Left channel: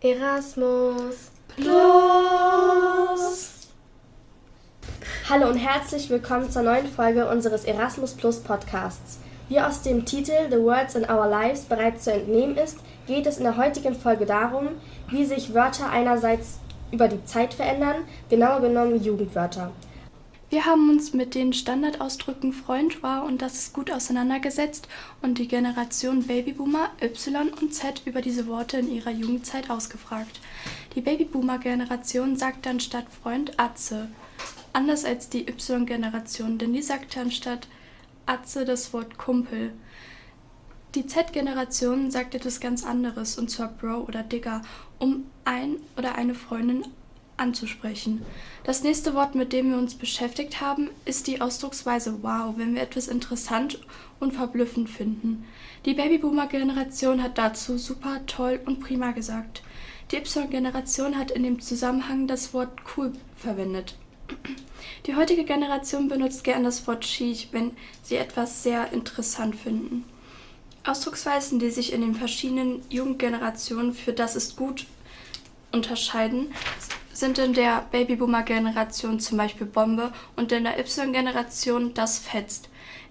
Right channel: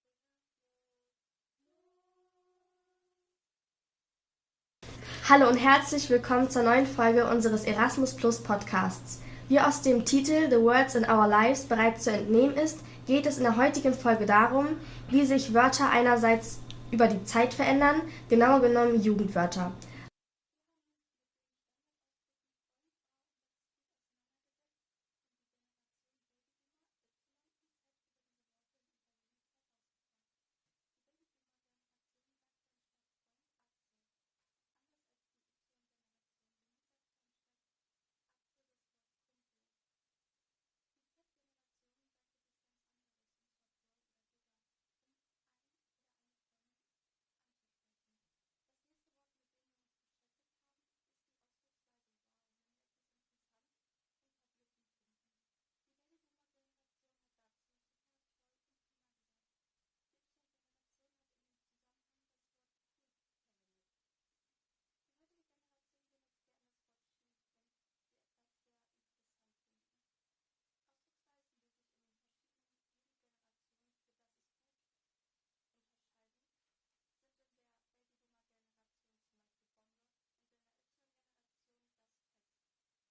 Erasmus Plus. Hallo und herzlich willkommen zur neuen Folge unseres Erasmus Plus Podcasts. Wie aus dem Titel The Words in Our Lives bereits zu entnehmen ist, geht es in der heutigen Folge darum, wie sich Wörter einerseits über die Zeit verändern, genauer genommen Jugendwörter. Wir haben uns mit den Standardausdrücken Freund, war und das ist gut auseinandergesetzt und die Generation Babyboomer Y und Z über diese Worte in ihrer Jugendzeit ausgefragt. Die Babyboomer-Generation sagte anstatt Freund Atze, anders als die Y-Generation, denn die sagte anstatt Atze das Wort Kumpel. Die Z-Generation sagt etwas ganz anderes, und zwar Bro oder Digger, um ein oder eine Freundin anzusprechen. Das nächste Wort, mit dem wir uns beschäftigt haben, ist die Ausdrucksweise wow, wenn wir etwas interessant und verblüffend finden. Die Babyboomer-Generation hat dazu super, toll und prima gesagt. Die Y-Generation hat in dem Zusammenhang das Wort cool verwendet. Die heutige Generation benutzt gern das Wort chic, wenn sie etwas sehr interessant finden. Ausdrucksweisen, die sich in den verschiedenen Jugendgenerationen für das ist gut unterscheiden, sind in der Babyboomer-Generation zum Beispiel Bombe und in der Y-Generation das fetzt.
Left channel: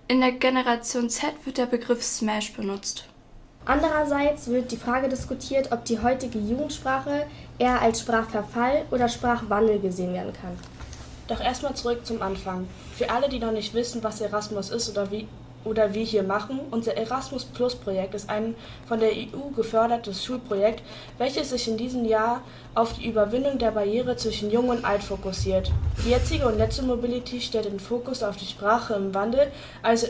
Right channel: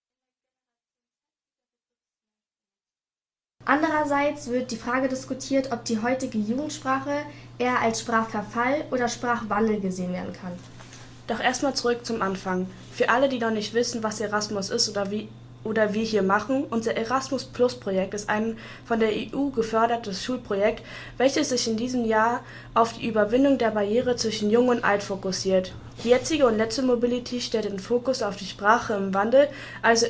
In der Generation Z wird der Begriff Smash benutzt. Andererseits wird die Frage diskutiert, ob die heutige Jugendsprache eher als Sprachverfall oder Sprachwandel gesehen werden kann. Doch erstmal zurück zum Anfang. Für alle, die noch nicht wissen, was Erasmus ist oder wir hier machen, unser Erasmus Plus Projekt ist ein von der EU gefördertes Schulprojekt, welches sich in diesem Jahr auf die Überwindung der Barriere zwischen Jung und Alt fokussiert. Die jetzige und letzte Mobility stellt den Fokus auf die Sprache im Wandel, also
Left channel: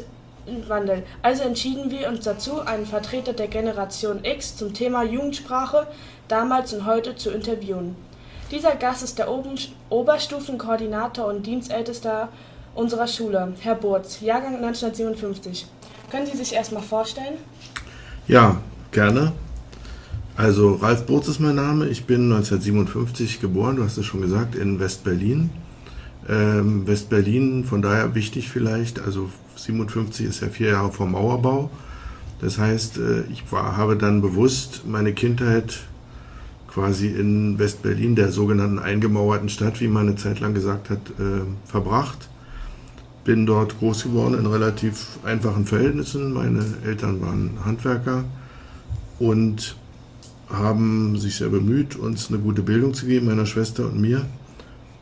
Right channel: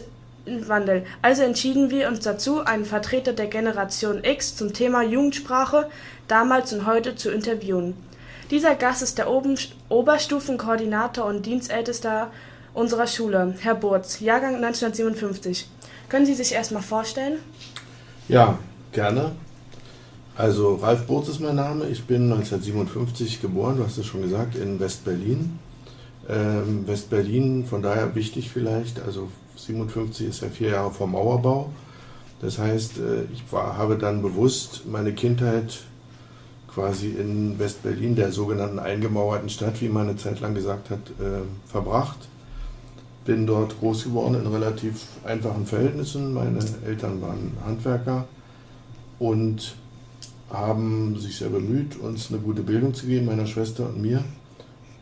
entschieden wir uns dazu, einen Vertreter der Generation X zum Thema Jugendsprache damals und heute zu interviewen. Dieser Gast ist der Oberstufenkoordinator und Dienstältester unserer Schule, Herr Burz, Jahrgang 1957. Können Sie sich erstmal vorstellen? Ja, gerne. Also Ralf Burz ist mein Name. Ich bin 1957 geboren, du hast es schon gesagt, in West-Berlin. West-Berlin, von daher wichtig vielleicht, also 57 ist ja 4 Jahre vor Mauerbau. Das heißt, ich habe dann bewusst meine Kindheit quasi in West-Berlin, der sogenannten eingemauerten Stadt, wie man eine Zeit lang gesagt hat, verbracht. Bin dort groß geworden in relativ einfachen Verhältnissen. Meine Eltern waren Handwerker und haben sich sehr bemüht, uns eine gute Bildung zu geben, meiner Schwester und mir.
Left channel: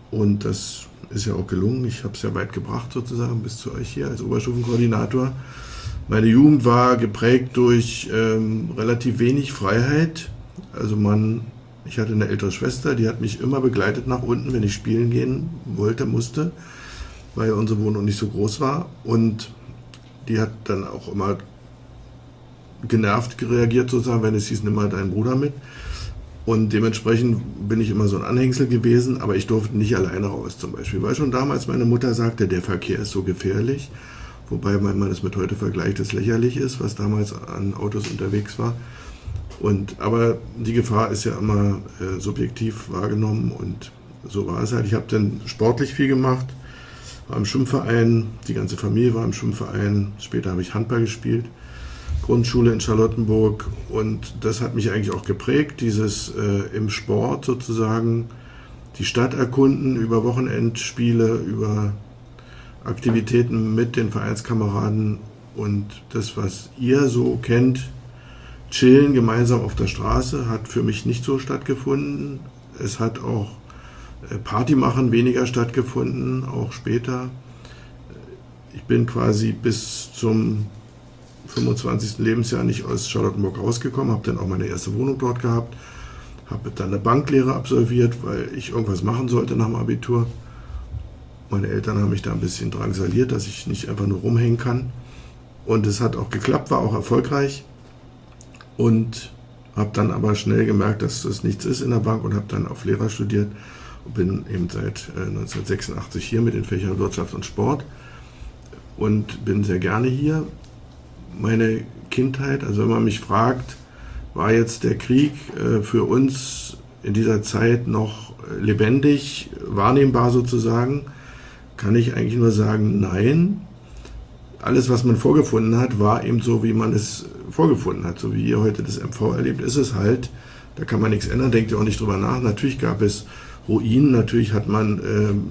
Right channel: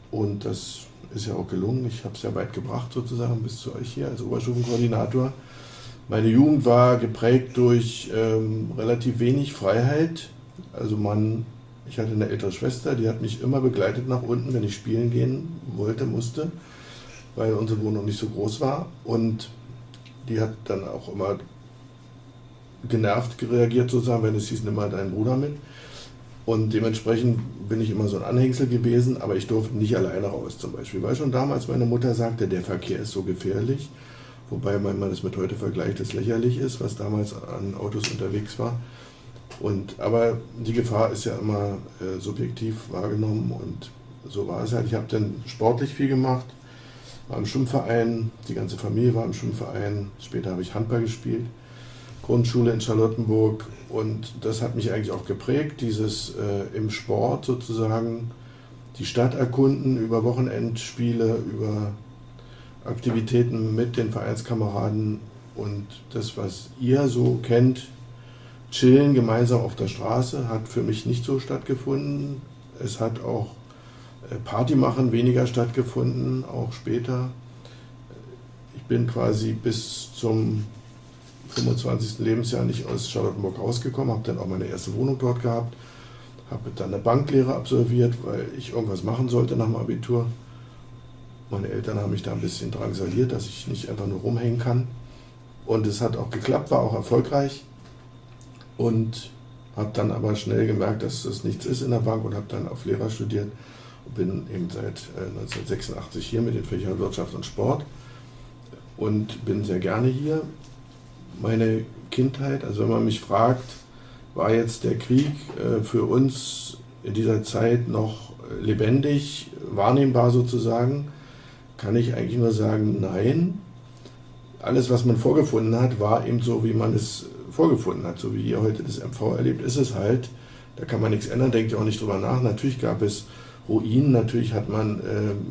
Und das ist ja auch gelungen. Ich habe es ja weit gebracht sozusagen bis zu euch hier als Oberstufenkoordinator. Meine Jugend war geprägt durch relativ wenig Freiheit. Also ich hatte eine ältere Schwester, die hat mich immer begleitet nach unten, wenn ich spielen gehen wollte, musste, weil unsere Wohnung nicht so groß war, und die hat dann auch immer genervt reagiert sozusagen, wenn es hieß, nimm mal deinen Bruder mit, und dementsprechend bin ich immer so ein Anhängsel gewesen, aber ich durfte nicht alleine raus zum Beispiel, weil schon damals meine Mutter sagte, der Verkehr ist so gefährlich, wobei, wenn man das mit heute vergleicht, es lächerlich ist, was damals an Autos unterwegs war. Aber die Gefahr ist ja immer subjektiv wahrgenommen, und so war es halt. Ich habe dann sportlich viel gemacht, war im Schwimmverein, die ganze Familie war im Schwimmverein, später habe ich Handball gespielt, Grundschule in Charlottenburg, und das hat mich eigentlich auch geprägt, dieses im Sport sozusagen die Stadt erkunden, über Wochenendspiele, über Aktivitäten mit den Vereinskameraden, und das, was ihr so kennt, Chillen gemeinsam auf der Straße, hat für mich nicht so stattgefunden. Es hat auch Party machen weniger stattgefunden, auch später. Ich bin quasi bis zum 25. Lebensjahr nicht aus Charlottenburg rausgekommen, habe dann auch meine erste Wohnung dort gehabt, habe dann eine Banklehre absolviert, weil ich irgendwas machen sollte nach dem Abitur. Meine Eltern haben mich da ein bisschen drangsaliert, dass ich nicht einfach nur rumhängen kann. Und es hat auch geklappt, war auch erfolgreich. Und habe dann aber schnell gemerkt, dass das nichts ist in der Bank, und habe dann auf Lehrer studiert und bin eben seit 1986 hier mit den Fächern Wirtschaft und Sport und bin sehr gerne hier. Meine Kindheit, also wenn man mich fragt, war jetzt der Krieg für uns in dieser Zeit noch lebendig, wahrnehmbar sozusagen, kann ich eigentlich nur sagen, nein. Alles, was man vorgefunden hat, war eben so, wie man es vorgefunden hat. So wie ihr heute das MV erlebt, ist es halt Da kann man nichts ändern, denkt ihr auch nicht drüber nach. Natürlich gab es Ruinen, natürlich hat man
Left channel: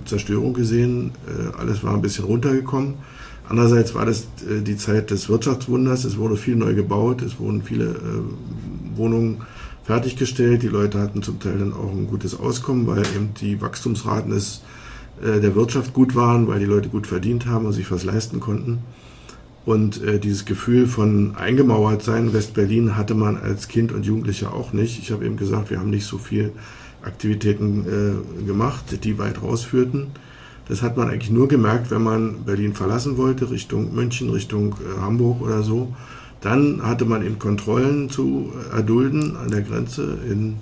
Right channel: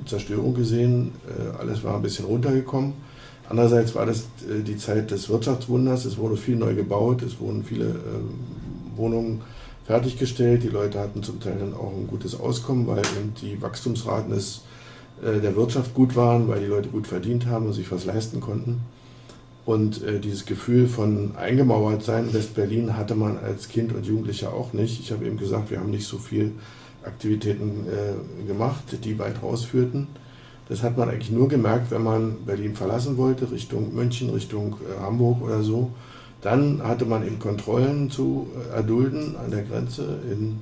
Zerstörung gesehen, alles war ein bisschen runtergekommen. Andererseits war das die Zeit des Wirtschaftswunders, es wurde viel neu gebaut, es wurden viele Wohnungen fertiggestellt, die Leute hatten zum Teil dann auch ein gutes Auskommen, weil eben die Wachstumsraten der Wirtschaft gut waren, weil die Leute gut verdient haben und sich was leisten konnten. Und dieses Gefühl von eingemauert sein in West-Berlin hatte man als Kind und Jugendlicher auch nicht. Ich habe eben gesagt, wir haben nicht so viel Aktivitäten gemacht, die weit rausführten. Das hat man eigentlich nur gemerkt, wenn man Berlin verlassen wollte, Richtung München, Richtung Hamburg oder so. Dann hatte man eben Kontrollen zu erdulden an der Grenze in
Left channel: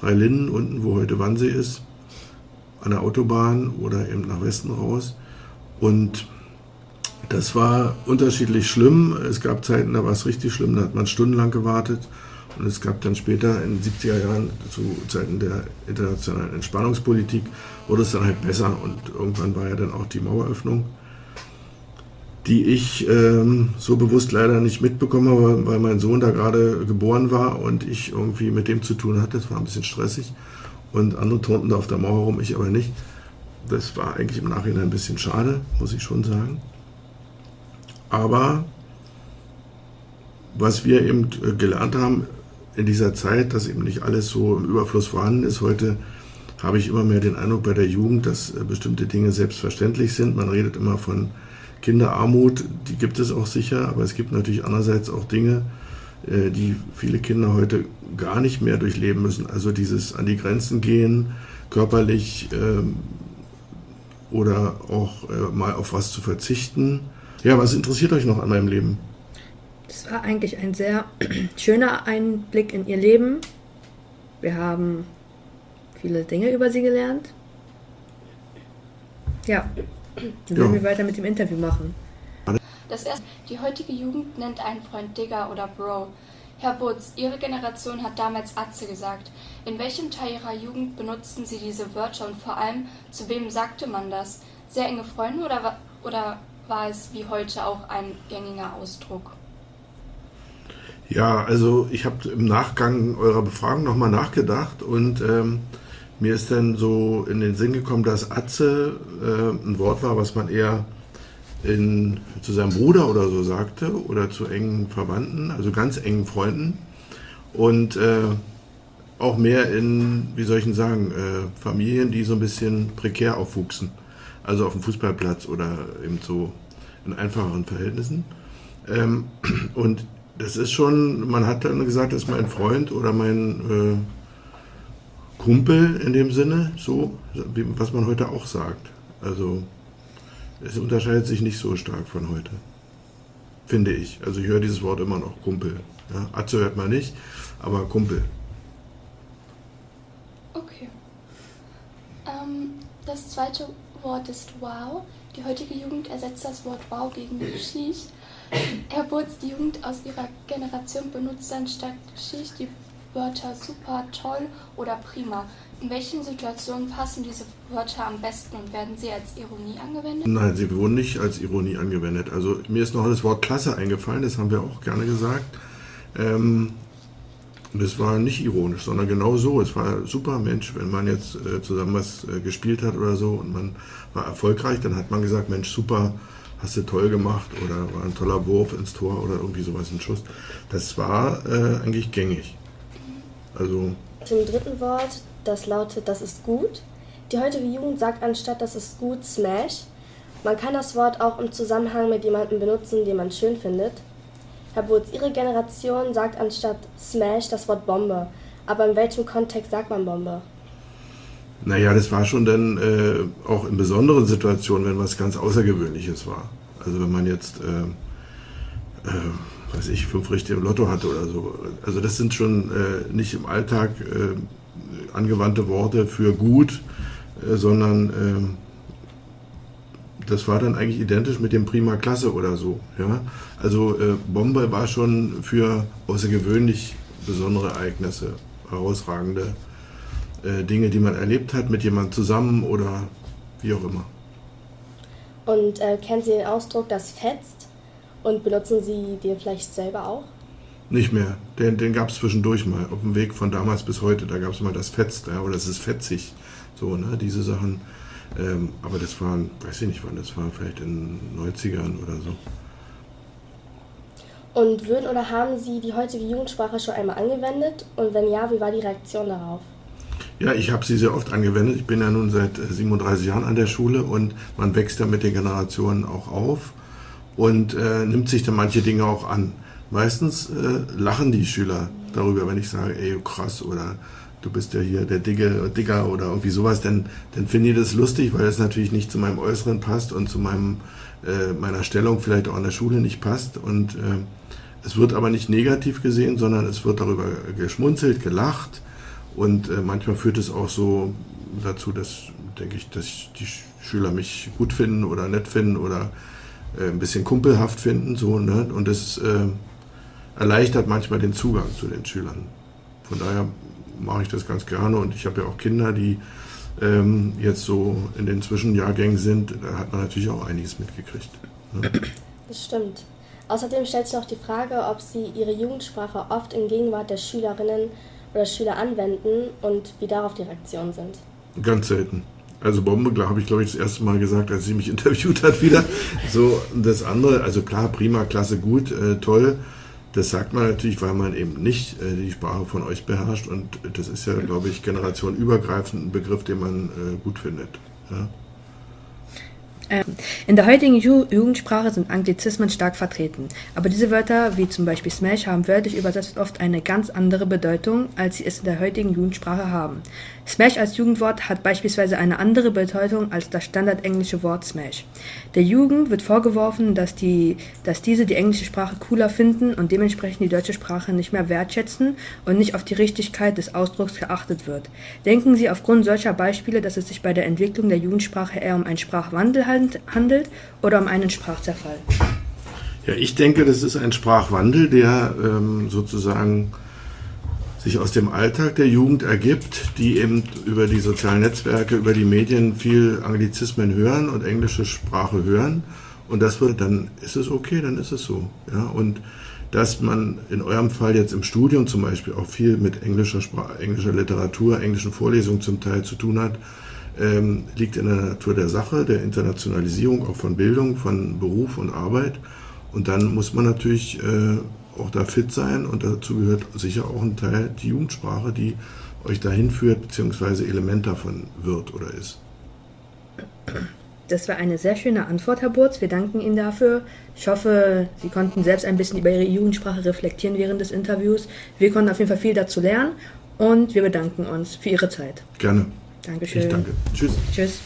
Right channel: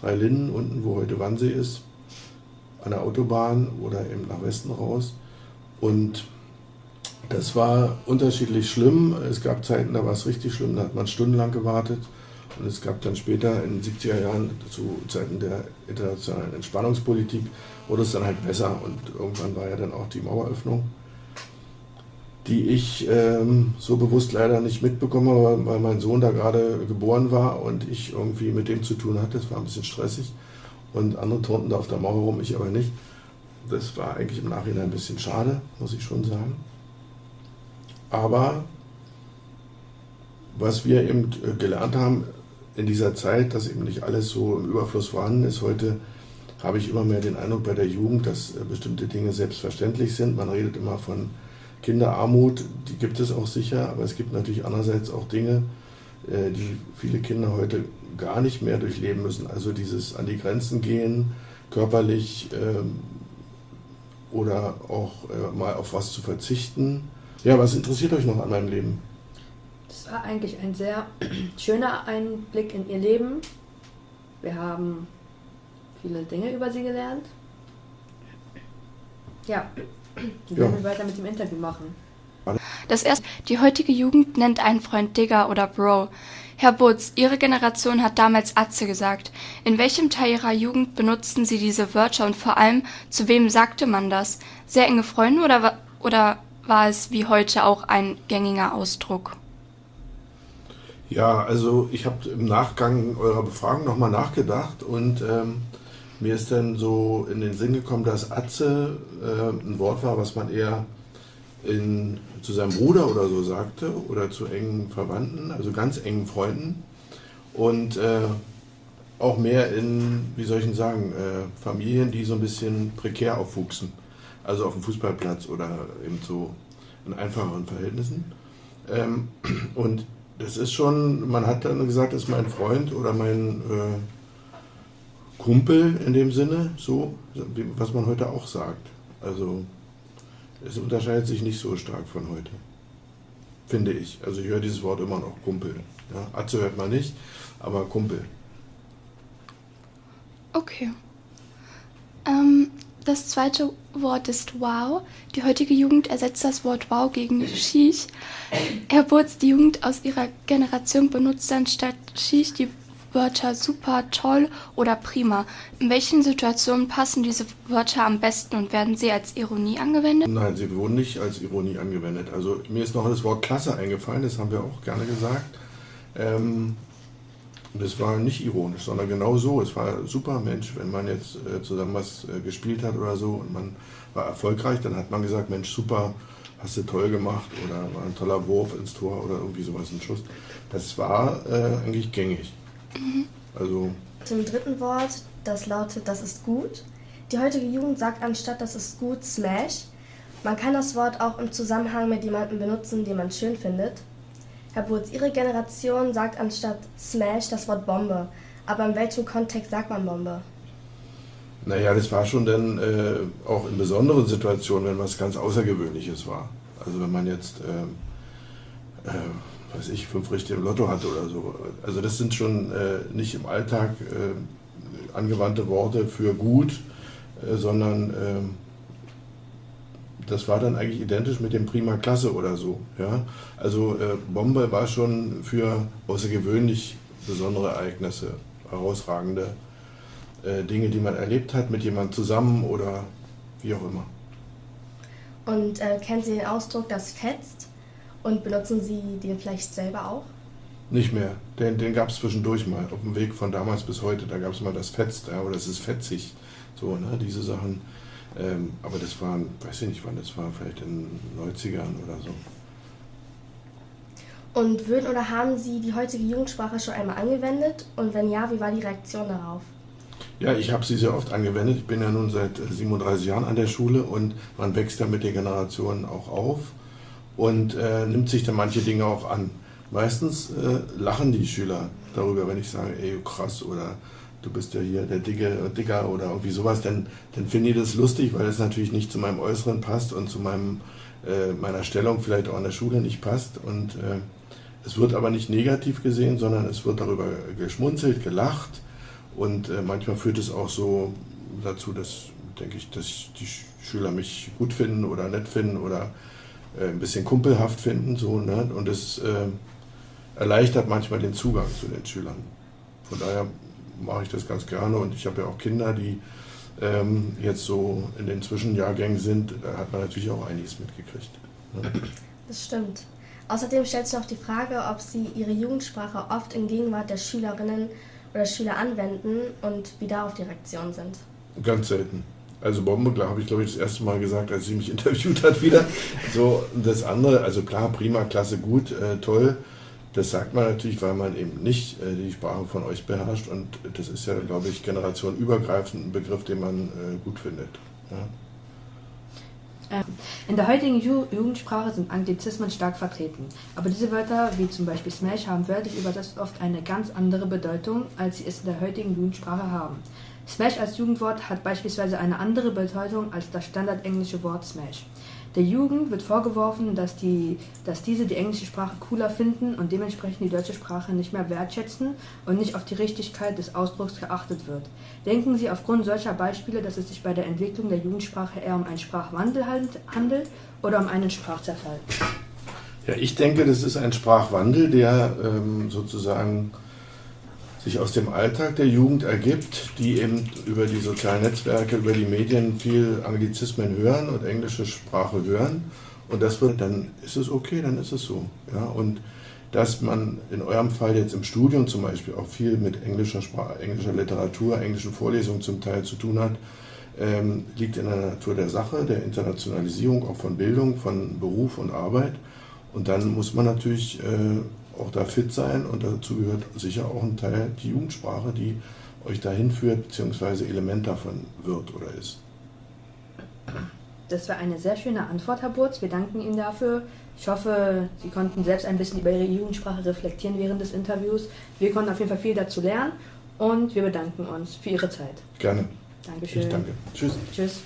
Dreilinden, unten, wo heute Wannsee ist, an der Autobahn oder eben nach Westen raus. Und das war unterschiedlich schlimm. Es gab Zeiten, da war es richtig schlimm, da hat man stundenlang gewartet. Und es gab dann später in den 70er Jahren, zu Zeiten der internationalen Entspannungspolitik, wurde es dann halt besser. Und irgendwann war ja dann auch die Maueröffnung, die ich so bewusst leider nicht mitbekommen habe, weil mein Sohn da gerade geboren war und ich irgendwie mit dem zu tun hatte. Das war ein bisschen stressig. Und andere turnten da auf der Mauer rum, ich aber nicht. Das war eigentlich im Nachhinein ein bisschen schade, muss ich schon sagen. Aber was wir eben gelernt haben in dieser Zeit, dass eben nicht alles so im Überfluss vorhanden ist. Heute habe ich immer mehr den Eindruck bei der Jugend, dass bestimmte Dinge selbstverständlich sind. Man redet immer von Kinderarmut, die gibt es auch sicher, aber es gibt natürlich andererseits auch Dinge, die viele Kinder heute gar nicht mehr durchleben müssen. Also dieses an die Grenzen gehen, körperlich oder auch mal auf was zu verzichten. Ja, was interessiert euch noch an meinem Leben? Das war eigentlich ein sehr schöner Einblick in ihr Leben. Wir haben viele Dinge über sie gelernt. Ja, dann werden wir weiter mit dem Interview machen. Die heutige Jugend nennt einen Freund Digger oder Bro. Herr Butz, Ihre Generation hat damals Atze gesagt. In welchem Teil Ihrer Jugend benutzten Sie diese Wörter und vor allem, zu wem sagte man das? Sehr enge Freunde oder war es wie heute auch ein gängiger Ausdruck? Ja, also ich habe im Nachgang eurer Befragung nochmal nachgedacht und mir ist dann so in den Sinn gekommen, dass Atze ein Wort war, was man eher zu seinem Bruder oder so sagte oder zu engen Verwandten, also ganz engen Freunden und auch mehr in, wie soll ich denn sagen, Familien, die so ein bisschen prekär aufwuchsen, also auf dem Fußballplatz oder eben so in einfacheren Verhältnissen. Und das ist schon, man hat dann gesagt, das ist mein Freund oder mein Kumpel in dem Sinne, so, was man heute auch sagt. Also es unterscheidet sich nicht so stark von heute, finde ich. Also ich höre dieses Wort immer noch, Kumpel. Ja, Atze hört man nicht, aber Kumpel. Okay. Das zweite Wort ist wow. Die heutige Jugend ersetzt das Wort wow gegen Sheesh. Herr Butz, die Jugend aus Ihrer Generation benutzt anstatt Sheesh die Wörter super, toll oder prima. In welchen Situationen passen diese Wörter am besten und werden sie als Ironie angewendet? Nein, sie wurden nicht als Ironie angewendet. Also mir ist noch das Wort Klasse eingefallen, das haben wir auch gerne gesagt. Das war nicht ironisch, sondern genau so. Es war super, Mensch, wenn man jetzt zusammen was gespielt hat oder so und man war erfolgreich, dann hat man gesagt, Mensch, super, hast du toll gemacht oder war ein toller Wurf ins Tor oder irgendwie sowas, ein Schuss. Das war eigentlich gängig. Also Zum dritten Wort, das lautet, das ist gut. Die heutige Jugend sagt anstatt das ist gut, Smash. Man kann das Wort auch im Zusammenhang mit jemandem benutzen, den man schön findet. Herr Butz, Ihre Generation sagt anstatt Smash das Wort Bombe. Aber in welchem Kontext sagt man Bombe? naja, das war schon dann auch in besonderen Situationen, wenn was ganz Außergewöhnliches war. Also wenn man jetzt, weiß ich, 5 Richtige im Lotto hatte oder so. Also das sind schon nicht im Alltag angewandte Worte für gut, sondern das war dann eigentlich identisch mit dem Prima Klasse oder so. Ja? Also Bombe war schon für außergewöhnlich besondere Ereignisse, herausragende Dinge, die man erlebt hat, mit jemandem zusammen oder wie auch immer. Und kennen Sie den Ausdruck, das fetzt? Und benutzen Sie den vielleicht selber auch? Nicht mehr. Den gab es zwischendurch mal, auf dem Weg von damals bis heute. Da gab es mal das Fetzt, ja, oder es ist fetzig. So, ne, diese Sachen. Aber das war, weiß ich nicht wann, das war vielleicht in den 90ern oder so. Und würden oder haben Sie die heutige Jugendsprache schon einmal angewendet? Und wenn ja, wie war die Reaktion darauf? Ja, ich habe sie sehr oft angewendet. Ich bin ja nun seit 37 Jahren an der Schule und man wächst ja mit den Generationen auch auf und nimmt sich dann manche Dinge auch an. Meistens lachen die Schüler darüber, wenn ich sage, ey, krass, oder du bist ja hier der Dicker oder irgendwie sowas, dann finden die das lustig, weil es natürlich nicht zu meinem Äußeren passt und zu meiner Stellung vielleicht auch an der Schule nicht passt. Und es wird aber nicht negativ gesehen, sondern es wird darüber geschmunzelt, gelacht. Und manchmal führt es auch so dazu, dass, denke ich, dass die Schüler mich gut finden oder nett finden oder ein bisschen kumpelhaft finden. So, ne? Und es erleichtert manchmal den Zugang zu den Schülern. Von daher mache ich das ganz gerne. Und ich habe ja auch Kinder, die jetzt so in den Zwischenjahrgängen sind. Da hat man natürlich auch einiges mitgekriegt. Ne? Das stimmt. Außerdem stellt sich noch die Frage, ob Sie Ihre Jugendsprache oft in Gegenwart der Schülerinnen oder Schüler anwenden und wie darauf die Reaktionen sind. Ganz selten. Also Bombe, klar, habe ich glaube ich das erste Mal gesagt, als sie mich interviewt hat wieder. So, das andere, also klar, prima, klasse, gut, toll. Das sagt man natürlich, weil man eben nicht die Sprache von euch beherrscht. Und das ist ja, glaube ich, generationenübergreifend ein Begriff, den man gut findet. Ja? In der heutigen Jugendsprache sind Anglizismen stark vertreten, aber diese Wörter, wie zum Beispiel Smash, haben wörtlich übersetzt oft eine ganz andere Bedeutung, als sie es in der heutigen Jugendsprache haben. Smash als Jugendwort hat beispielsweise eine andere Bedeutung als das standardenglische Wort Smash. Der Jugend wird vorgeworfen, dass diese die englische Sprache cooler finden und dementsprechend die deutsche Sprache nicht mehr wertschätzen und nicht auf die Richtigkeit des Ausdrucks geachtet wird. Denken Sie aufgrund solcher Beispiele, dass es sich bei der Entwicklung der Jugendsprache eher um einen Sprachwandel handelt oder um einen Sprachzerfall? Ja, ich denke, das ist ein Sprachwandel, der sozusagen sich aus dem Alltag der Jugend ergibt, die eben über die sozialen Netzwerke, über die Medien viel Anglizismen hören und englische Sprache hören. Und das wird, dann ist es okay, dann ist es so. Ja? Und dass man in eurem Fall jetzt im Studium zum Beispiel auch viel mit englischer Literatur, englischen Vorlesungen zum Teil zu tun hat, liegt in der Natur der Sache, der Internationalisierung auch von Bildung, von Beruf und Arbeit. Und dann muss man natürlich auch da fit sein und dazu gehört sicher auch ein Teil die Jugendsprache, die euch dahin führt, beziehungsweise Element davon wird oder ist. Das war eine sehr schöne Antwort, Herr Burz. Wir danken Ihnen dafür. Ich hoffe, Sie konnten selbst ein bisschen über Ihre Jugendsprache reflektieren während des Interviews. Wir konnten auf jeden Fall viel dazu lernen und wir bedanken uns für Ihre Zeit. Gerne. Dankeschön. Ich danke. Tschüss. Tschüss.